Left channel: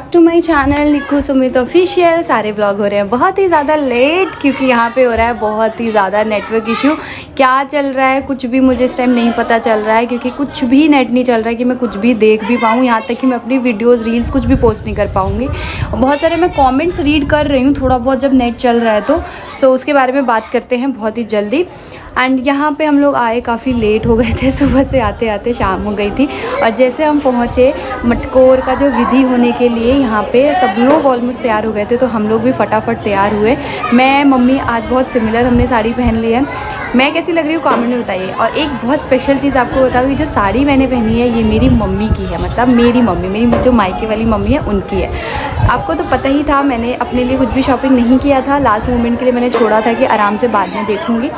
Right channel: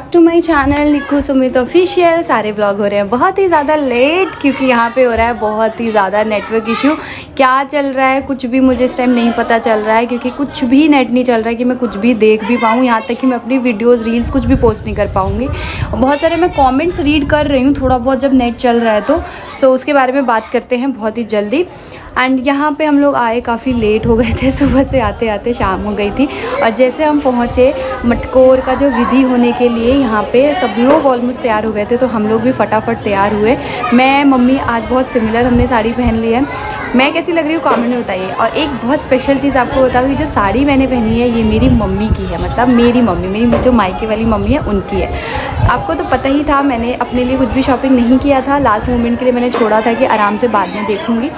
Back to my channel Nikku Sumit official. सारे vlog हो रहे हैं बहुत ही ज़्यादा लेट क्योंकि यहाँ पे हो रहा है बहुत ही ज़्यादा नेटवर्क इशू। क्या चल रहा है कुछ भी मुझे इस टाइम नहीं पता चल रहा है क्योंकि कुछ भी नेट नहीं चल रहा है कि मैं कुछ भी देख भी पाऊँ। यहाँ तक कि मैं अपनी वीडियोज़ रील्स कुछ भी पोस्ट नहीं कर पाऊँगी। बहुत सारे मैं कॉमेंट्स रीड कर रही हूँ थोड़ा बहुत जब नेट चल रहा है तो। सो उसके बारे में बात करते हैं बहुत ही जल्दी। एंड यहाँ पे हम लोग आए काफ़ी लेट हो गए थे, सुबह से आते आते शाम हो गई थी। और जैसे हम पहुँचे मटकोर का जो विधि होने के लिए यहाँ पे सब लोग ऑलमोस्ट तैयार हो गए थे, तो हम लोग भी फटाफट तैयार हुए। मैं मम्मी आज बहुत सिमिलर हमने साड़ी पहन ली है। मैं कैसी लग रही हूँ कमेंट में बताइए। और एक बहुत स्पेशल चीज़ आपको बताऊँ, ये जो साड़ी मैंने पहनी है ये मेरी मम्मी की है, मतलब मेरी मम्मी, मेरी जो मायके वाली मम्मी है उनकी है। आपको तो पता ही था मैंने अपने लिए कुछ भी शॉपिंग नहीं किया था, लास्ट मोमेंट के लिए मैंने छोड़ा था कि आराम से बाद में देखूँगी।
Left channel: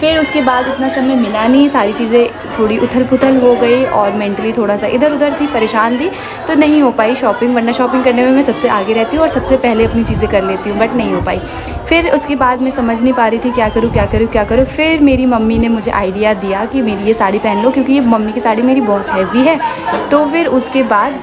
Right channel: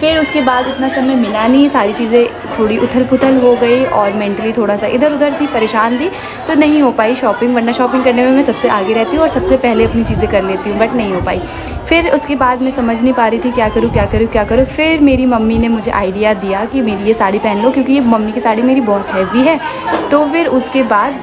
फिर उसके बाद इतना समय मिला नहीं, सारी चीज़ें थोड़ी उथल पुथल हो गई और मेंटली थोड़ा सा इधर उधर थी, परेशान थी, तो नहीं हो पाई शॉपिंग। वरना शॉपिंग करने में मैं सबसे आगे रहती हूँ और सबसे पहले अपनी चीज़ें कर लेती हूँ, बट नहीं हो पाई। फिर उसके बाद मैं समझ नहीं पा रही थी क्या करूँ क्या करूँ क्या करूँ। फिर मेरी मम्मी ने मुझे आइडिया दिया कि मेरी ये साड़ी पहन लो, क्योंकि ये मम्मी की साड़ी मेरी बहुत हैवी है। तो फिर उसके बाद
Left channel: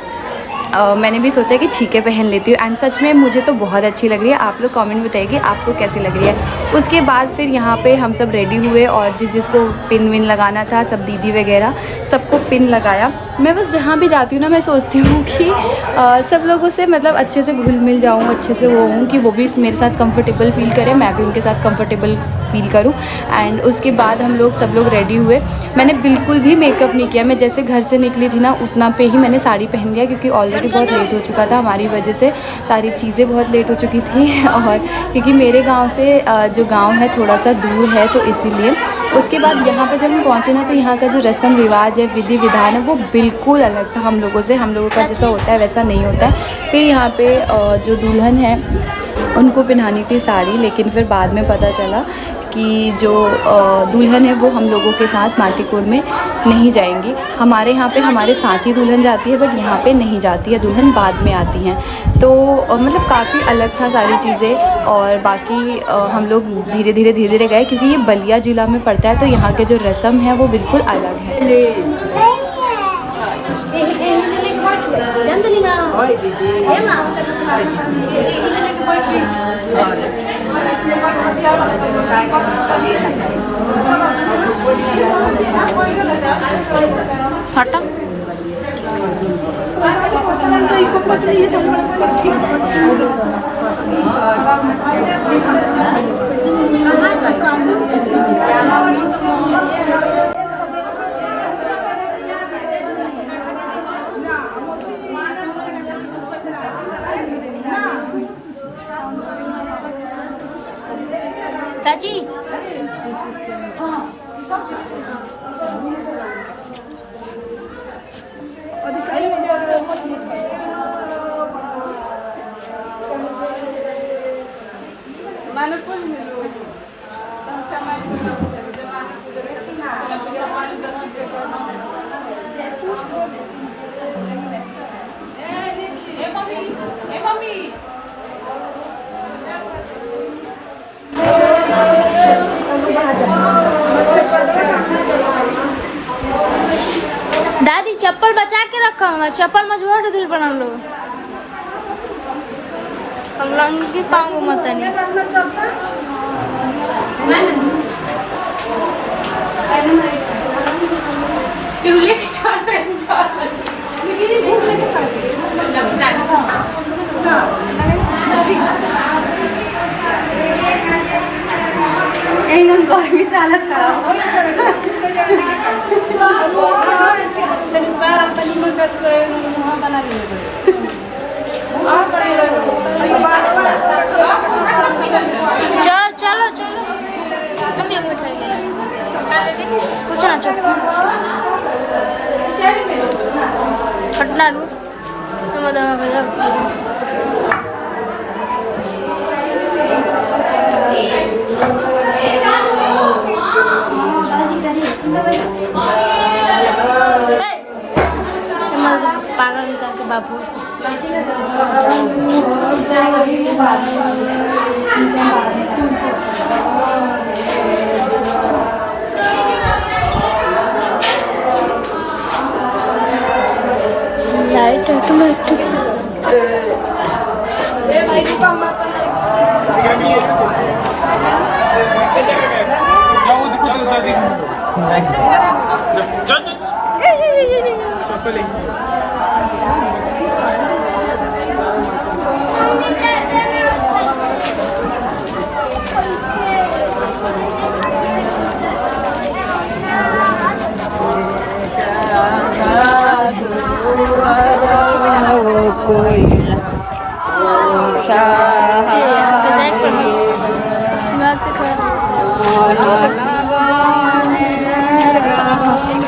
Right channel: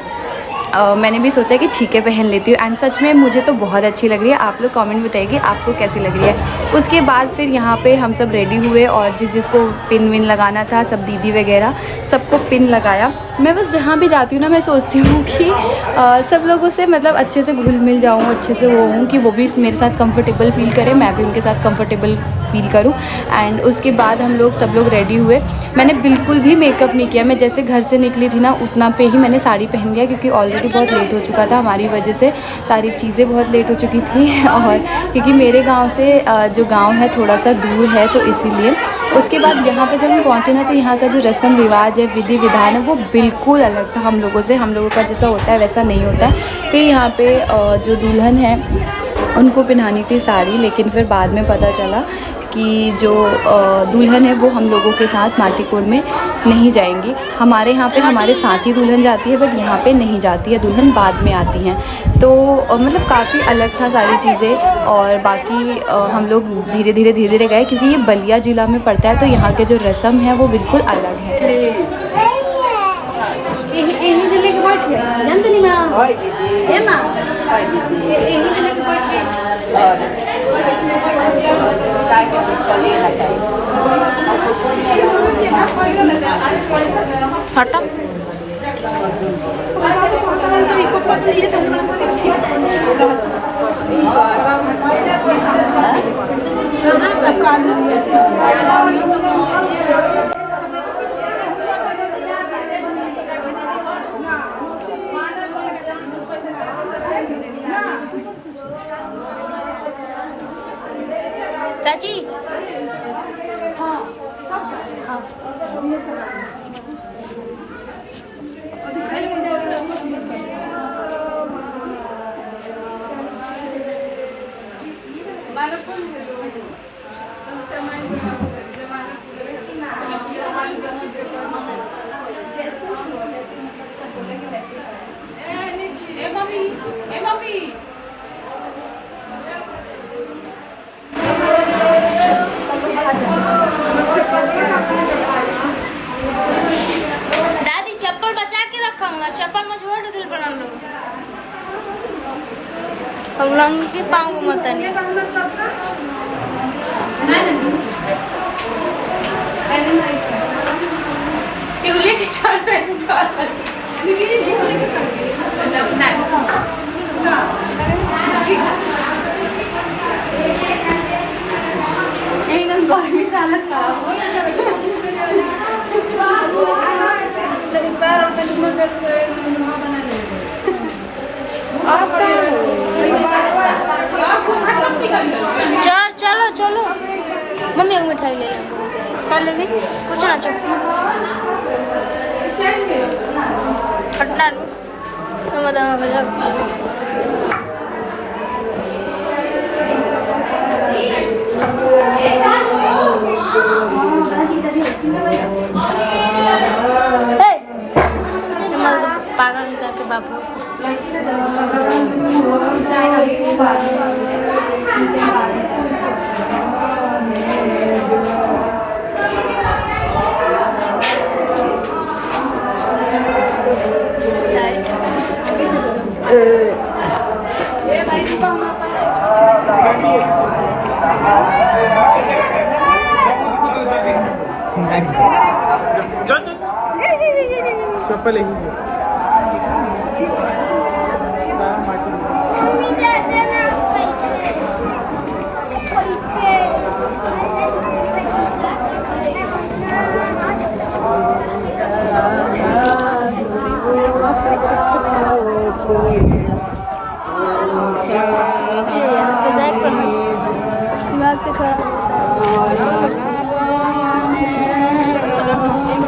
मैंने भी सोचा कि ठीक है पहन लेती हूँ। एंड सच में मुझे तो बहुत अच्छी लग रही है। आप लोग कमेंट बताइए आपको कैसी लग रही है। उसके बाद फिर यहाँ पे हम सब रेडी हुए और जिसको पिन विन लगाना था, सब दीदी वगैरह सबको पिन लगाया। मैं बस जहाँ भी जाती हूँ ना मैं सोचती हूँ कि सब लोगों से मतलब अच्छे से घुल मिल जाऊँ, अच्छे से वो हूँ कि वो भी मेरे साथ कंफर्टेबल फ़ील करें, मैं भी उनके साथ कंफर्टेबल फ़ील करूँ। एंड उसके बाद हम लोग सब लोग रेडी हुए। मैंने बिल्कुल भी मेकअप नहीं किया, मैं जैसे घर से निकली थी ना उतना पे ही मैंने साड़ी पहन लिया, क्योंकि ऑलरेडी बहुत लेट हो चुका था हमारी वजह से, सारी चीज़ें बहुत लेट हो चुकी थी। और क्योंकि मेरे गांव से जो गांव है थोड़ा सा दूर है तो इसीलिए। उसके बाद यहाँ पे जब हम पहुँचे ना तो यहाँ का जो रस्म रिवाज है, विधि विधान है, वो बिल्कुल अलग था हम लोगों से। हम लोगों का जैसा होता है वैसा नहीं होता है। फिर यहाँ पे जो दुल्हन है उनको पहनानी थी साड़ी, लेकिन फिर बाद में पता चला कि जो दुल्हन है वो हम लोगों के साथ माटीकोड़ में नहीं जाएंगी। हमारे यहाँ पे हमारे साथ ही दुल्हन जाती है, बट यहाँ पे नहीं जाती है, दुल्हन बाद में आती हैं। तो मतलब काफ़ी अलग था सारी चीज़ें। और बाकी हम लोग धीरे धीरे गए, क्योंकि ये बलिया ज़िला में पड़ता है तो यहाँ के जो रस्म है वो बिल्कुल अलग है। हटा चाची दादी चप्पल बचा के रखा हूँ, चप्पल मजबूत दिल बना लो। हम लोग की पाऊँ मत नहीं। एकदम गर्मी से हालत खराब हो। चलो चलो मम्मी एक मिठाई ले लेंगे, कुछ ना चल पटना लू पागल इंसान के बाबू। लाइट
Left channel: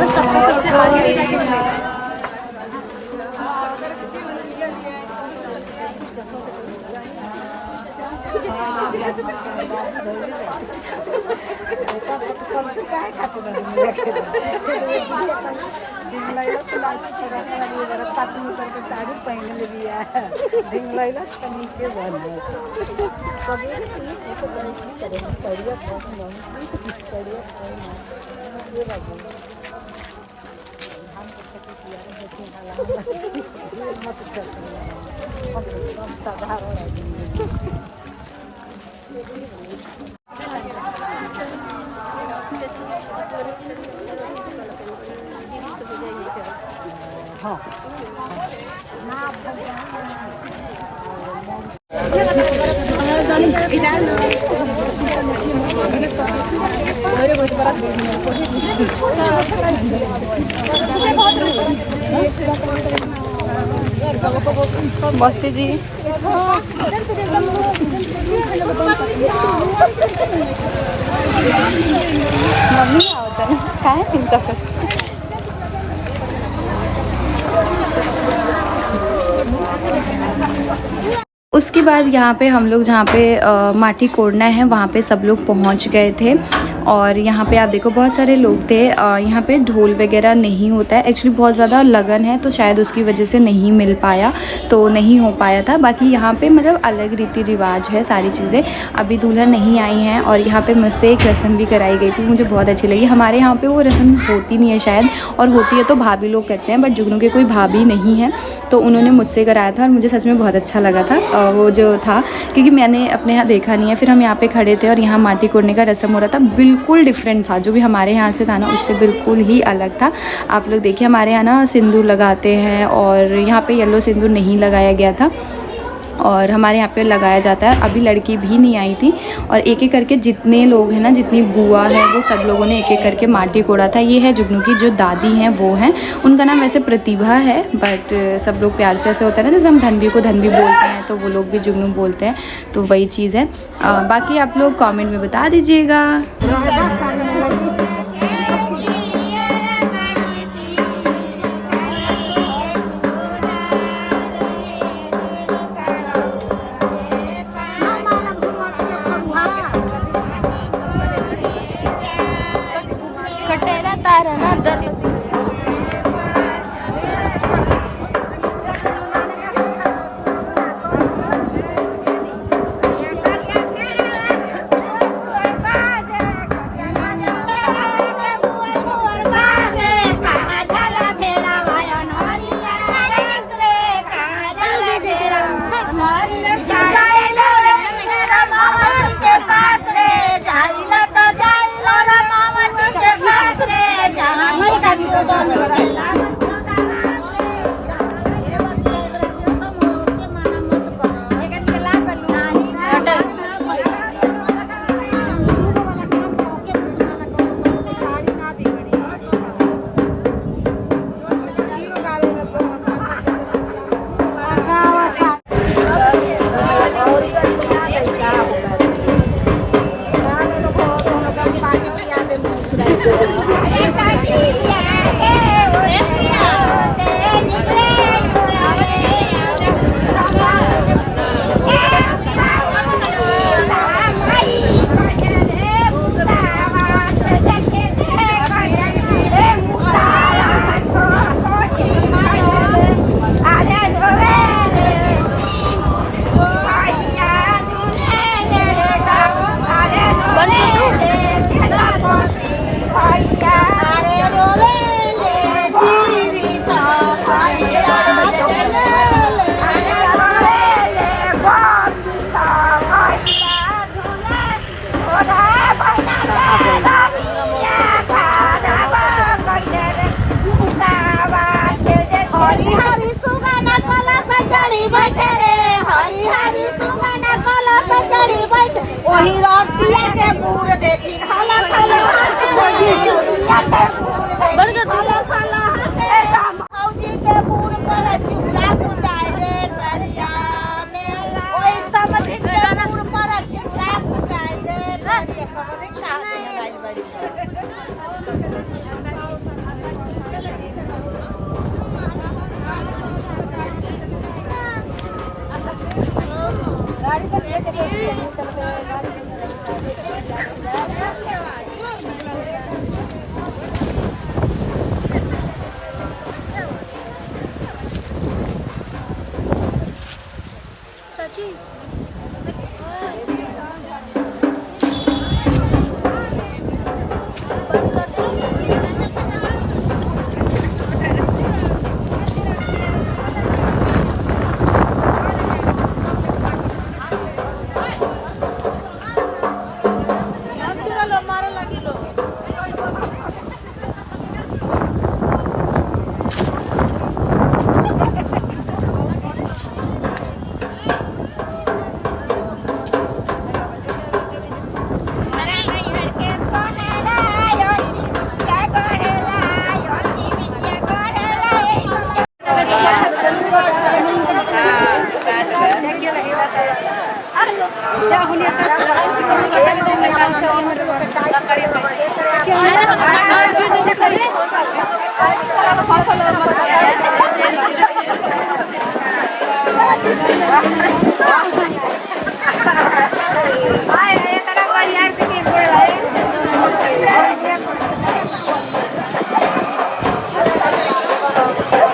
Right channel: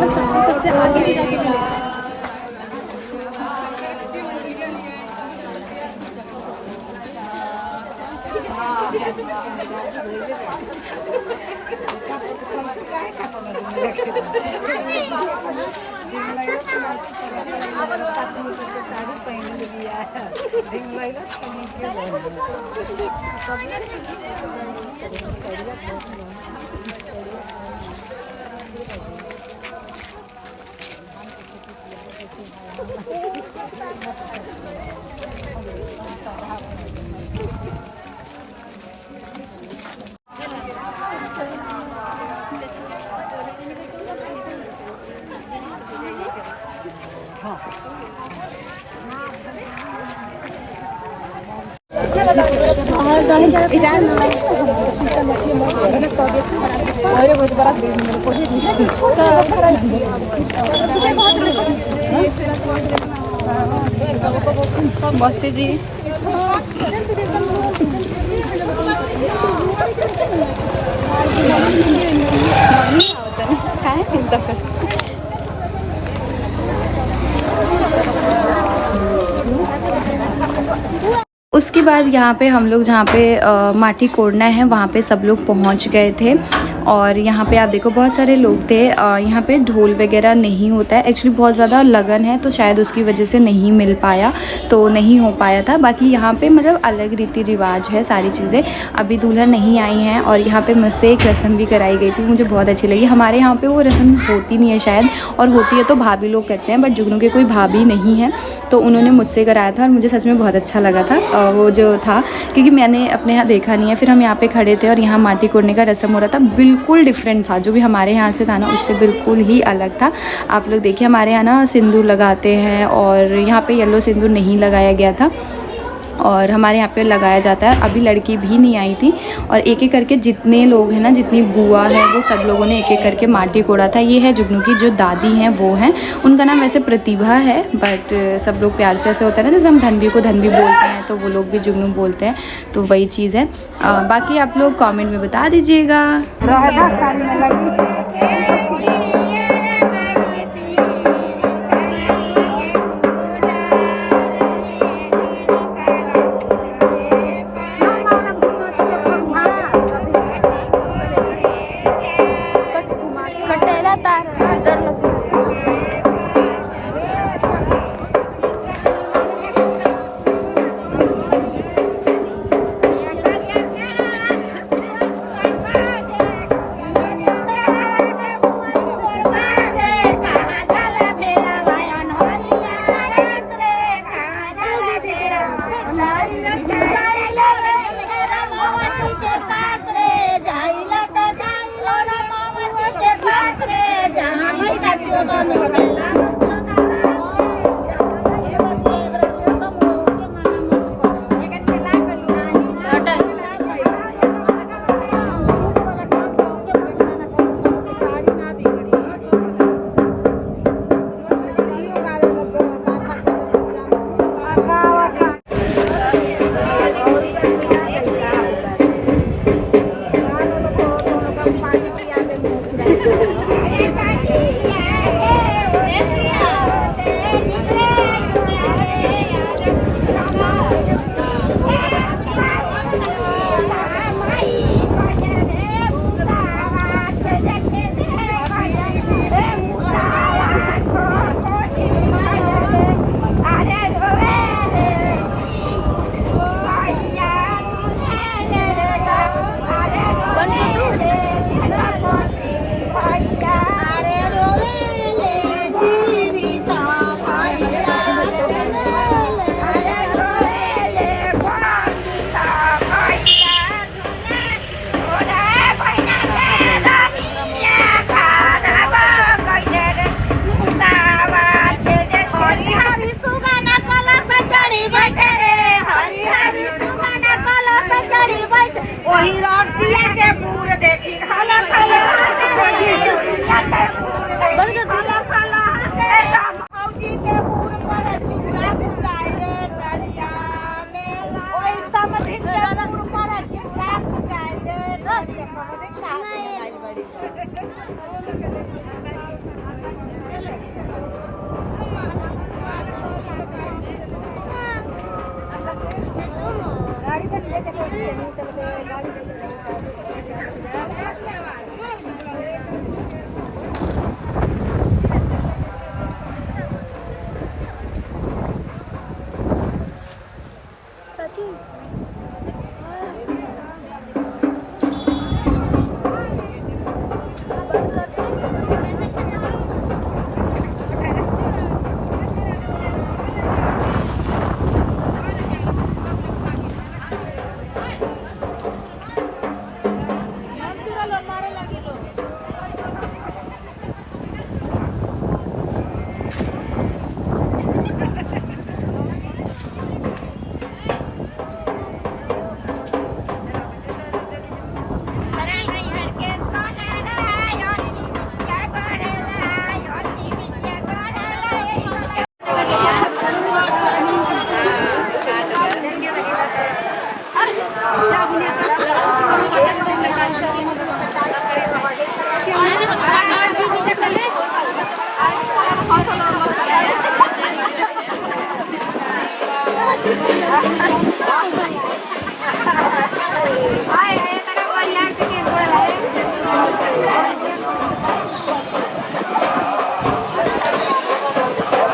सबसे आगे बसे जी मम्मी आवता नहीं काय चिंता कर। उसके बाद यहाँ पे हम लोग जहाँ पे माटी कोड़ना है वहाँ पे सब लोग पहुँच गए थे। और यहाँ पे आप देखो बहुत सारे लोग थे। यहाँ पे ढोल वगैरह नहीं होता है एक्चुअली, बहुत ज़्यादा लगन है तो शायद उसकी वजह से नहीं मिल पाया, तो नहीं हो पाया था। बाकी यहाँ पे मतलब अलग रीति रिवाज है सारी चीज़ें। अभी दुल्हन नहीं आई हैं और यहाँ पे मुझसे एक रस्म भी कराई गई थी, मुझे बहुत अच्छी लगी। हमारे यहाँ पे वो रस्म होती नहीं है शायद, और होती है तो भाभी लोग करते हैं, बट जुगनू के कोई भाभी नहीं है तो उन्होंने मुझसे कराया था और मुझे सच में बहुत अच्छा लगा था वो जो था, क्योंकि मैंने अपने यहाँ देखा नहीं है। फिर हम यहाँ पे खड़े थे और यहाँ माटी कोड़ने का रस्म हो रहा था, बिल्कुल डिफरेंट था जो भी हमारे यहाँ से था ना, उससे बिल्कुल ही अलग था। आप लोग देखिए हमारे यहाँ ना सिंदूर लगाते हैं और यहाँ पे येलो सिंदूर नहीं लगाया गया था और हमारे यहाँ पे लगाया जाता है। अभी लड़की भी नहीं आई थी और एक एक करके जितने लोग हैं ना, जितनी बुआ है वो सब लोगों ने एक एक करके माटी कोड़ा था। ये है जुगनू की जो दादी हैं वो हैं, उनका नाम वैसे प्रतिभा है, बट सब लोग प्यार से ऐसे होता है ना, जैसे हम धनवी को धनवी बोलते हैं तो वो लोग भी जुगनू बोलते हैं, तो वही चीज़ है। बाकी आप लोग कॉमेंट में बता दीजिएगा। चाची बंद कर दो।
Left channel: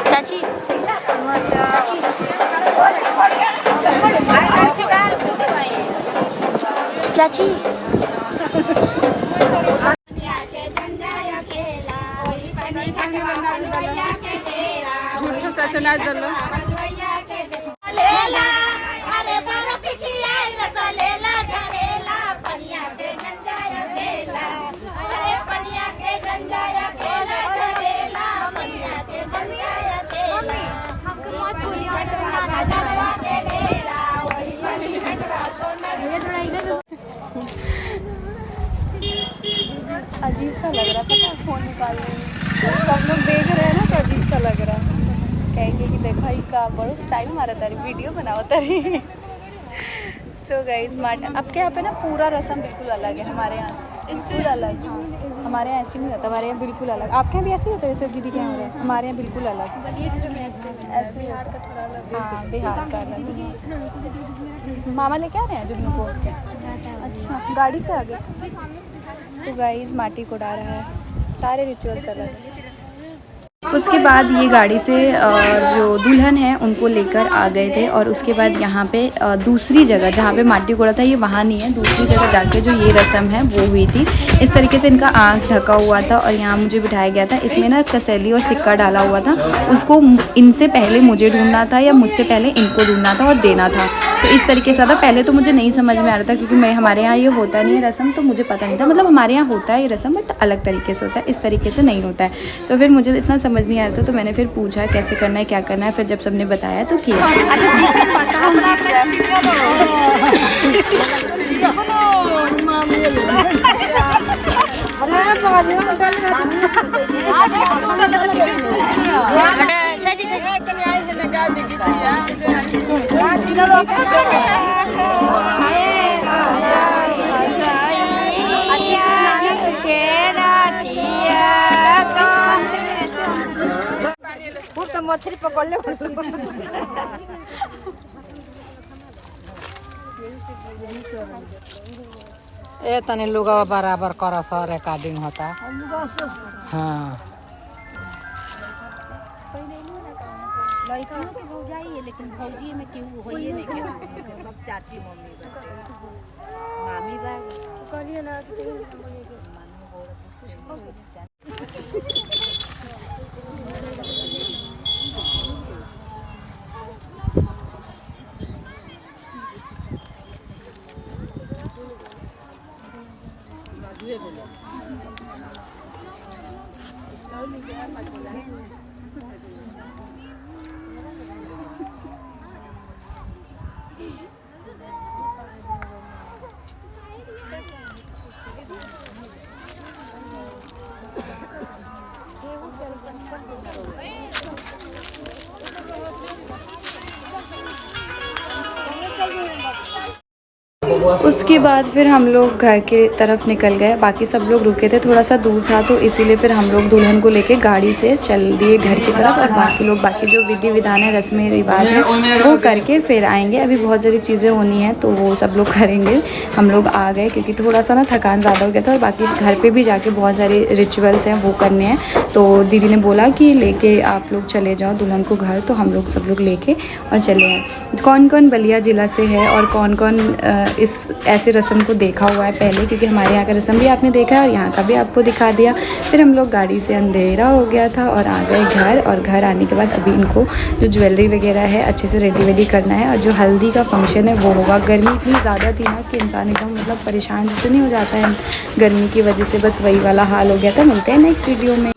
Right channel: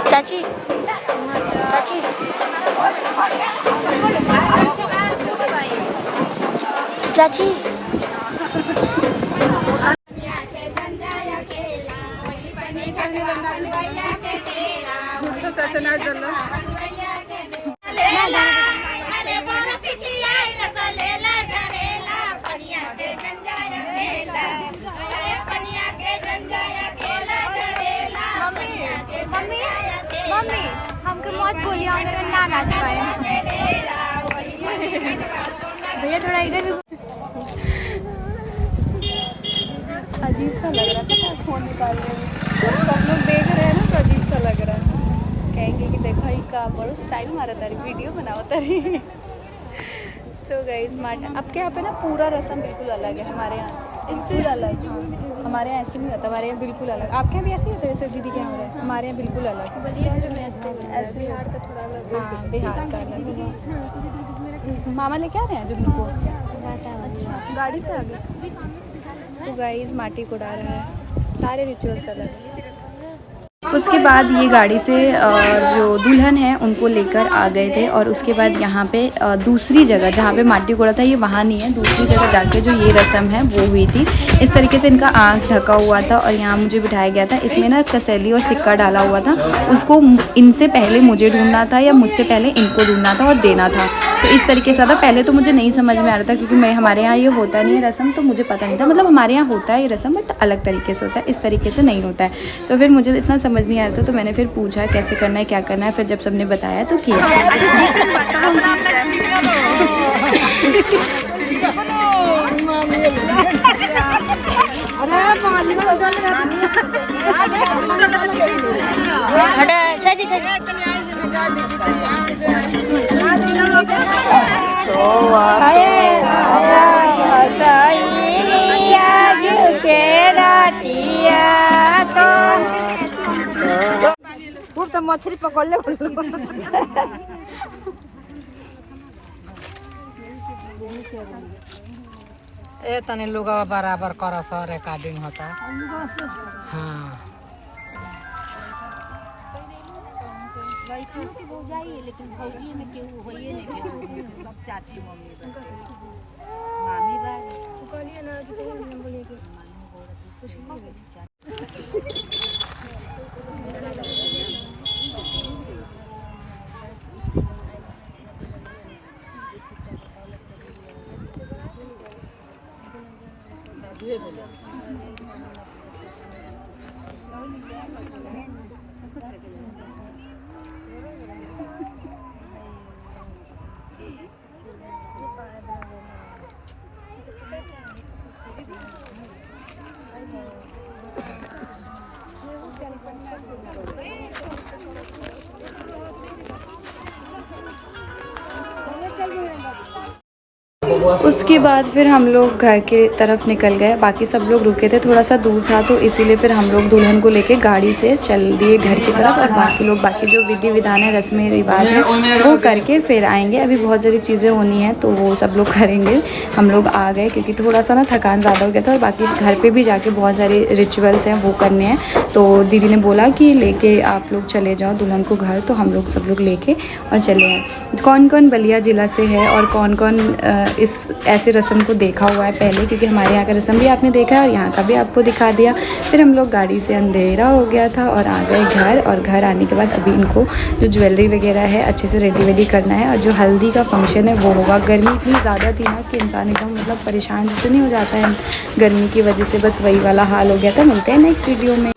चाची चाची चाची अजीब सा लग रहा था फोन निकाल रहे हैं, सब लोग देख रहे हैं ना तो अजीब सा लग रहा है। कहेंगे कि देखा ही का बड़ो स्टाइल मारा तारी, वीडियो बनाओ तारी। सो गाइस आपके यहाँ पे ना पूरा रस्म बिल्कुल अलग है हमारे यहाँ से, बिल्कुल अलग। हाँ हमारे यहाँ ऐसे नहीं होता, हमारे यहाँ बिल्कुल अलग। आपके यहाँ भी ऐसे ही होता है जैसे दीदी के यहाँ हो रहा है? हमारे यहाँ बिल्कुल अलग, ऐसे बिहार का थोड़ा अलग। हाँ बिहार का अलग। मामा लेके आ रहे हैं जुगनू को? अच्छा गाड़ी से आ गए। तो गाइस माटी को उड़ा रहा है, सारे रिचुअल्स अलग है। उसके बाद ये गाड़ी से जो दुल्हन है उनको लेकर आ गए थे और उसके बाद यहाँ पे दूसरी जगह जहाँ पे माटी कोड़ा था ये वहाँ नहीं है, दूसरी जगह जाके जो ये रस्म है वो हुई थी। इस तरीके से इनका आँख ढका हुआ था और यहाँ मुझे बिठाया गया था। इसमें ना कसैली और सिक्का डाला हुआ था, उसको इनसे पहले मुझे ढूंढना था या मुझसे पहले इनको ढूंढना था और देना था। तो इस तरीके से था। पहले तो मुझे नहीं समझ में आ रहा था क्योंकि मैं हमारे यहाँ ये होता नहीं है रस्म, तो मुझे पता नहीं था। मतलब हमारे यहाँ होता है ये रस्म बट अलग तरीके से होता है, इस तरीके से नहीं होता है। तो फिर मुझे इतना समझ नहीं आ रहा था, तो मैंने फिर पूछा कैसे करना है क्या करना है। फिर जब सबने बताया तो किया। मछली पकड़ ले। ए तने लोग बराबर कर सर रिकॉर्डिंग होता। हाँ लड़कियों के भौजाई है लेकिन भौजी में क्यों होइए नहीं के सब चाची मम्मी मामी बा। उसके बाद फिर हम लोग घर के तरफ निकल गए। बाकी सब लोग रुके थे, थोड़ा सा दूर था तो इसीलिए फिर हम लोग दुल्हन को लेके गाड़ी से चल दिए घर की तरफ। और बाकी लोग बाकी जो विधि विधान है, रस्में रिवाज है, वो करके फिर आएंगे। अभी बहुत सारी चीज़ें होनी है तो वो सब लोग करेंगे। हम लोग आ गए क्योंकि थोड़ा सा ना थकान ज़्यादा हो गया था। और बाकी घर पे भी जाके बहुत सारे रिचुअल्स हैं वो करने हैं। तो दीदी ने बोला कि लेके आप लोग चले जाओ दुल्हन को घर, तो हम लोग सब लोग लेके और चले आए। कौन कौन बलिया ज़िला से है और कौन कौन इस ऐसे रस्म को देखा हुआ है पहले, क्योंकि हमारे यहाँ का रस्म भी आपने देखा है और यहाँ का भी आपको दिखा दिया। फिर हम लोग गाड़ी से, अंधेरा हो गया था, और आ गए घर। और घर आने के बाद अभी इनको जो ज्वेलरी वगैरह है अच्छे से रेडी वेडी करना है। और जो हल्दी का फंक्शन है वो होगा। गर्मी इतनी ज़्यादा थी ना कि इंसान एकदम मतलब परेशान जैसे नहीं हो जाता है गर्मी की वजह से, बस वही वाला हाल हो गया था। मिलते हैं नेक्स्ट वीडियो में।